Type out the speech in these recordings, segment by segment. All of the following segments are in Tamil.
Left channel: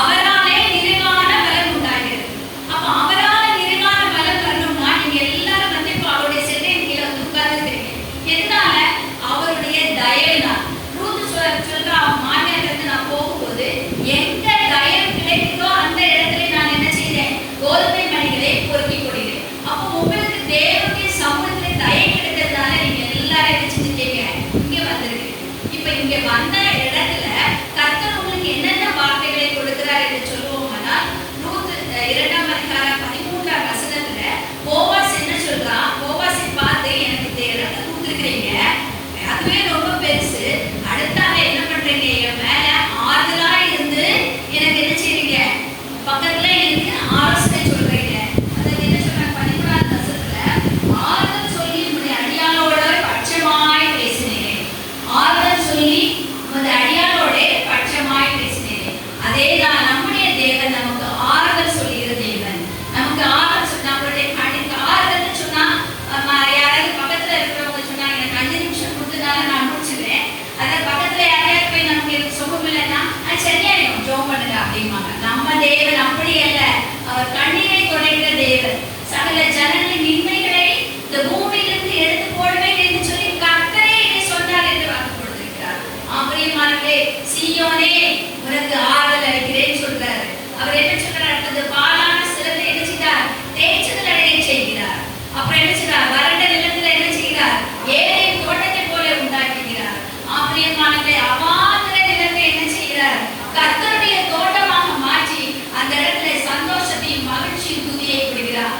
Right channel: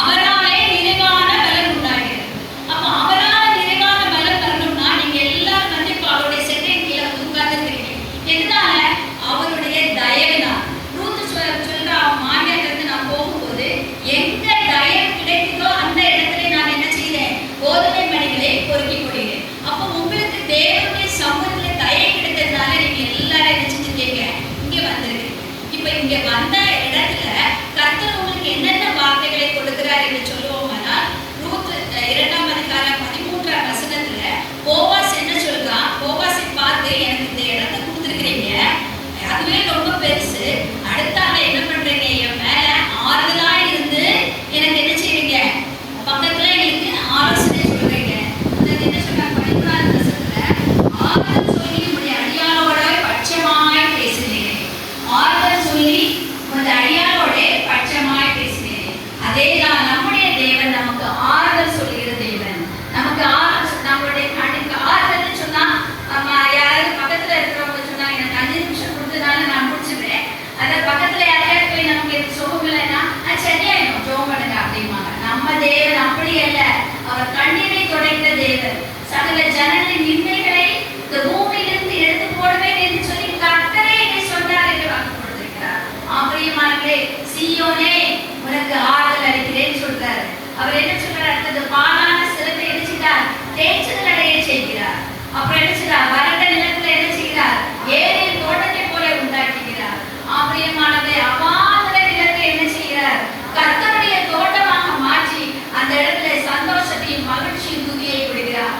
அவராலே நிறைவான பலன் உண்டாகிறது. அப்ப அவரால நிறைவான பலன் வரணும்னா நீங்க எல்லாரும் வந்து இப்ப அவருடைய செட்டையின் கீழே வந்து உட்கார்ந்துருக்கீங்க. எதனால? அவருடைய தயவுதான். ரூத் சொல்றா, அவன் மாமியாருக்கு நான் போகும்போது எங்க தயவு கிடைக்குதோ அந்த இடத்துல நான் என்ன செய்தேன்? கோதுமை மணிகளை பொறுக்கி கொள்கிறேன். அப்ப உங்களுக்கு தேவனுடைய சமூகத்துல தயவு கிடைக்கிறதுனால நீங்க எல்லாரும் என்ன செஞ்சுட்டீங்க? இங்க வந்திருக்கீங்க. இப்ப இங்க வந்த இடத்துல கர்த்தர் உங்களுக்கு என்னென்ன வார்த்தைகளை கொடுக்கிறார் என்று சொல்லுவோம்னா, ரூத் 2ஆம் அதிகாரம் 13ஆம் வசனத்துல போவாஸ் என்ன சொல்றான்? போவாஸை பார்த்து எனக்கு இந்த இடத்தை கொடுத்துருக்கிறீங்க, அதுவே ரொம்ப பெருசு, அடுத்தால என்ன பண்றீங்க? என் மேல ஆறுதலா இருந்து எனக்கு என்ன செய்றீங்க? பக்கத்துல எனக்கு ஆலோசனை சொல்றீங்க. அது என்ன சொல்றாங்க? 13ஆம் வசனத்துல ஆறுதல் சொல்லி உன்னுடைய அடியாளோட பட்சமாய் பேசினேன். ஆறுதல் சொல்லி உன்னுடைய அடியாளோட பட்சமாய் பேசினேன். அதேதான் நம்முடைய தேவன் நமக்கு ஆறுதல் சொல்லுகிற தேவன். நமக்கு ஆறுதல், நம்மளுடைய கண்ணுக்கு ஆறுதல் சொன்னா யாராவது பக்கத்துல இருக்கிறவங்க சொன்னா எனக்கு 5 நிமிஷம் கொடுத்தனால நான் முடிச்சுக்கிறேன், அதாவது பக்கத்துல யாரையாவது போய் நமக்கு சுகம் இல்லைன்னா சரியாயிடும், ஜோம் பண்ணுங்க அப்படிம்பாங்க. நம்ம தேவன் அப்படி அல்ல. அவர் கண்ணீரை துடைக்கிற தேவன். சகல ஜனங்களின் நிந்தைகளை இந்த பூமியிலிருந்து எடுத்து போடுவேன் என்று சொல்லி கர்த்தரே என்னை சொன்னார் என்று வாக்கு கொடுத்திருக்கிறார். பிரியமானவர்களே, சீயோனே உனக்கு ஆறுதல் அளிக்கிறேன் சொல்றாரு. அவர் என்ன சொல்றாரு? அடுத்தது பாலான சிரத்தை என்ன செய்தார்? தேய்ச்சல் அடைய செய்கிறார். அப்புறம் என்ன செய்றார்? வறண்ட நிலத்துல என்ன செய்கிறார்? ஏதேன் தோட்டத்தை போல உண்டாக்குகிறார். பிரியமானவர்களே, அவாந்தர நிலத்தை என்ன செய்கிறார்? கர்த்தருடைய தோட்டமாக மாற்றி அந்த இடத்துல சந்தோஷத்தையும் மகிழ்ச்சியும் துதியை கொடுக்கிறார்.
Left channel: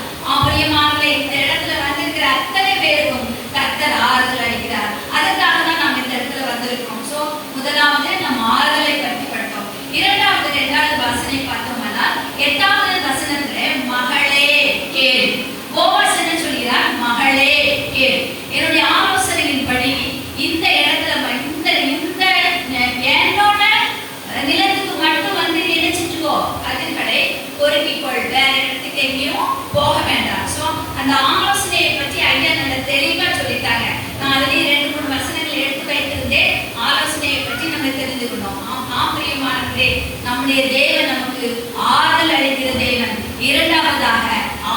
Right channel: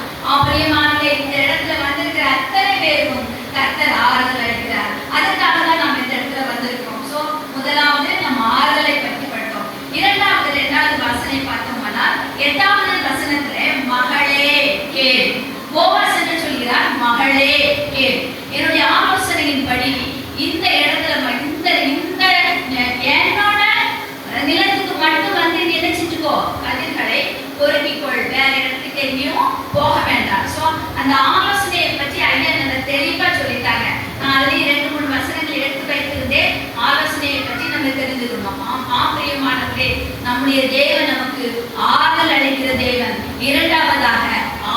பிரியமானவர்களே, இந்த இடத்துல வந்திருக்கிற அத்தனை பேரும் கர்த்தர் ஆறுதல் அளிக்கிறார். அதற்காக தான் நம்ம இந்த இடத்துல வந்திருக்கோம். சோ முதலாவது நம்ம ஆறுதலை பற்றி படித்தோம். இரண்டாவது வசனை பார்த்தோம்னா 8வது வசனத்துல மகளே கேள். போவாஸ் என்ன சொல்கிறார்? மகளே கேள். என்னுடைய ஆலோசனையின்படி இந்த இடத்துல இந்த என்னோட நிலத்துக்கு மட்டும் வந்து நினைச்சிட்டுக்கோ, கதிர்களை பொறுக்கிக்கொள், வேற இடத்துக்கு எங்கேயும் போக வேண்டாம். சோ அந்த ஆலோசனையை பற்றி ஐயா நல்ல தெளிவா சொல்லிட்டாங்க. நான் அதுலயும் 2-3 வசனங்கள் எடுத்து வைத்திருந்தேன். ஆலோசனையை பற்றி நம்ம தெரிஞ்சுக்கணும். பிரியமானவர்களே, நம்முடைய தேவன் நமக்கு ஆறுதல் அளிக்கிற தேவன். இரண்டாவதாக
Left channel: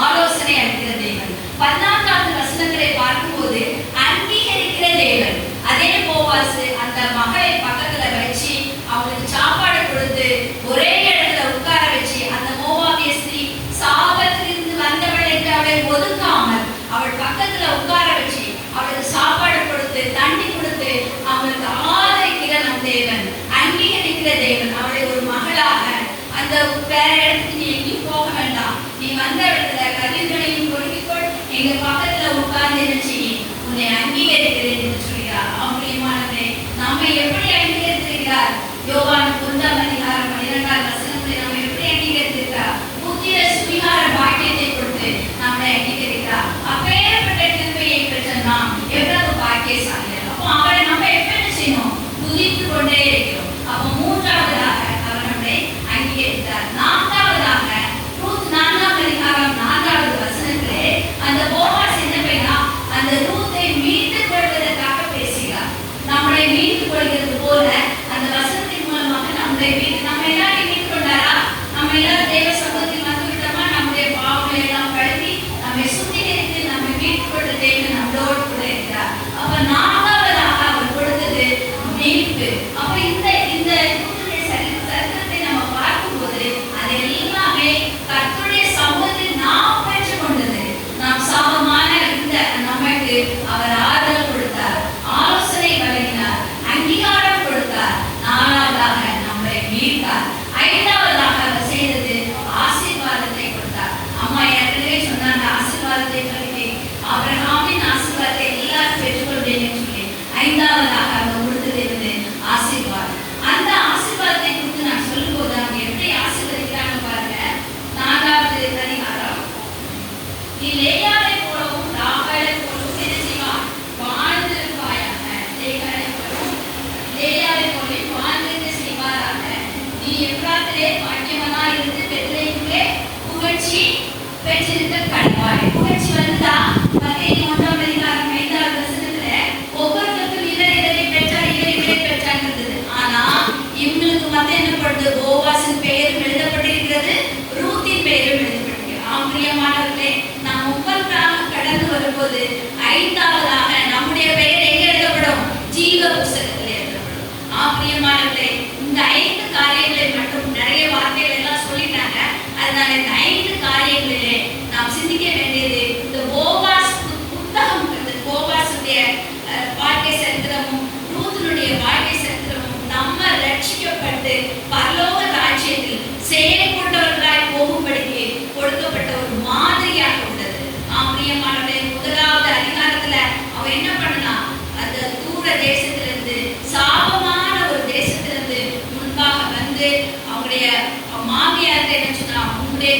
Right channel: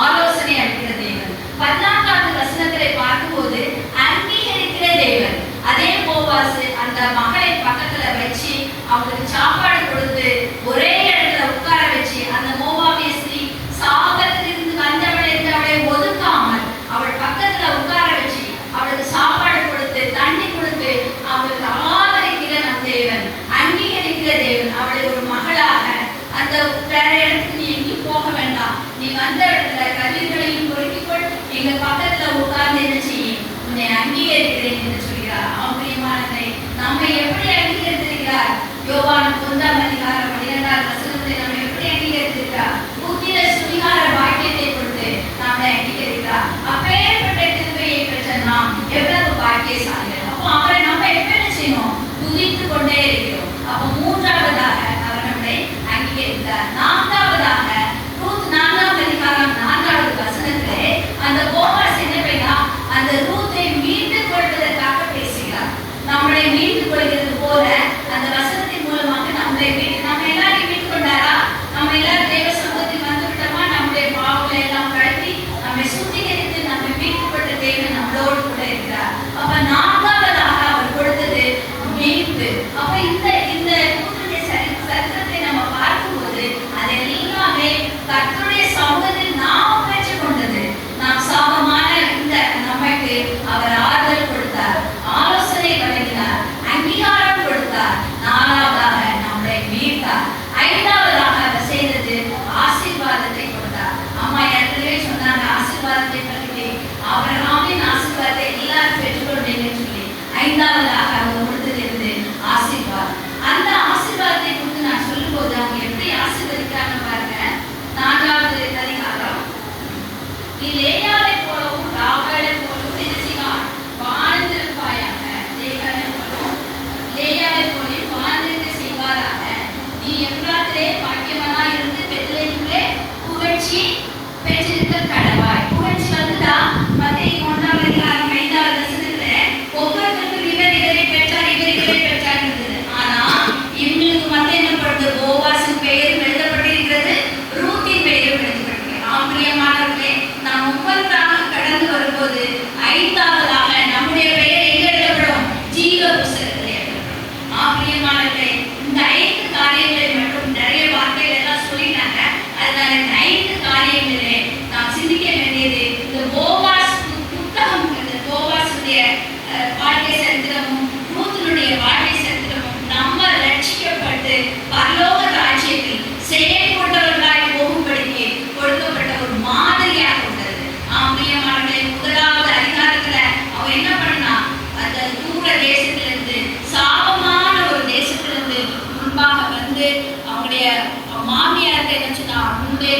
ஆலோசனை அளிக்கிற தேவன். 14வது வசனத்திலே பார்க்கும்போது அங்கீகரிக்கிற தேவன். அதே போவாஸ் அந்த மகளை பக்கத்துல வச்சு அவங்களுக்கு சாப்பாடு கொடுத்து ஒரே இடத்துல உட்கார வச்சு அந்த மோவாபிய ஸ்திரீ சாபத்திலிருந்து வந்தவள் என்று அவளை ஒதுக்காமல் அவள் பக்கத்துல உட்கார வச்சு அவளுக்கு சாப்பாடு கொடுத்து தண்ணி கொடுத்து அவளுக்கு ஆதரிக்கிற நம் தேவன், அங்கீகரிக்கிற தேவன். அவளை ஒரு மகளாக அந்த வேற இடத்துக்கு நீ எங்கேயும் போக வேண்டாம், நீ வந்த இடத்துல கதிர்களையும் பொறுக்கிக்கொள், எங்க பக்கத்துல உட்கார்ந்து என்ன செய்யும், உன்னை அங்கீகரிக்கிறேன் என்று சொல்கிறார். பிரியமானவர்களே, நம்மை எப்படி அங்கீகரித்திருக்கிறார்? யோவான் 1ஆம் அதிகாரம் 12ஆம் வசனத்தை நம்ம எப்படி அங்கீகரித்திருக்கிறார்? புத்திர சுவிகார பாக்கியத்தை கொடுத்து நம்மை அங்கீகரிக்கிறார். அப்பேற்பட்ட கிருபையை பெற்ற நாம் எவ்வளவு பாக்கியசாலிகள். அப்போ அவரை நம்ம எப்படி செய்யணும்? துதித்து கொண்டே இருக்கிறோம். அப்போ மூன்றாவதாக அவர் நம்மை அங்கீகரித்தார். நான்காவதாக ரூத் 4ஆம் அதிகாரம் 4வது வசனத்திலே அந்த போவாஸ் என்ன செய்யா, அந்த ரூத்தை மீட்டுக் கொள்வதற்காக பேசுகிறார். நம்மளை மீட்டுக் கொள்கிறது போல அந்த வசனத்தின் மூலமாக நம்மளை நம்ம எல்லாரையும் மீட்டுக் கொண்டாரா? நம்ம எல்லாரும் தேவ சமூகத்தில் வந்து விட்டோமா? நம்முடைய பாவங்களை எல்லாம் கழுவி நம்மை சுத்திகரித்து நம்மை மீட்டுக் கொண்ட தேவன் நம்மளோடு கூட இருக்கிறார். அப்ப நான்காவதாக அவர் கொடுத்தது மீட்பு. அப்ப இந்த சரித்திரத்தை நம்ம பார்க்கும்போது அது எல்லாமே கர்த்தருடைய சமூகத்தில் நாம் பெற்றுக் கொண்டது. நாம் சாபமான இந்த நமக்கு அவர் ஆறுதல் கொடுத்தார், ஆலோசனை வழங்கினார், அங்கீகாரம் கொடுத்தார். நாலாவதாக நம்மளை மீட்டார். ஐந்தாவதாக அவர் செய்தது ஆசீர்வாதத்தை கொடுத்தார். அம்மா ஏற்கனவே சொன்னாங்க ஆசீர்வாதத்தை பற்றி, ஆபிரகாமின் ஆசீர்வாதத்தை எல்லாரும் பெற்றுக்கொண்டேன்னு சொல்லி. ஐந்தாவதாக அவர் கொடுத்தது இருந்து ஆசீர்வாதம். அந்த ஆசீர்வாதத்தை கொடுத்து நான் சொல்லும் போது அவங்க எப்படி ஆசீர்வதிக்கிறாங்க பாருங்க. 4வது அதிகாரம், நீ லேயாவை போலவும் ராகலை போலவும் என்ன செய்வார்? வாழ்ந்திருப்பாயாக. லேயாவை போல வாழ்ந்திருக்க செய்வாராக. நீ எவ்வாத்திலே பாக்கியவனா இருந்து பெத்லேஹேமிலே புகழ்ச்சி பெற்றிருக்க கடவாய். புகழ்ச்சி வந்தா மத்தேயு 1ஆம் அதிகாரம் 5வது வசனத்துல ஒவ்வொருத்தருக்கும் இவர் இவரை பெற்றார், இவர் இவரை பெற்றார் இருந்தது. ஆனா இவங்களுக்கு மத்த என்ன பண்றது? போவாஸ் தன்னுடைய மாமியார்கிட்ட என்ன சொன்னா, உன்னுடைய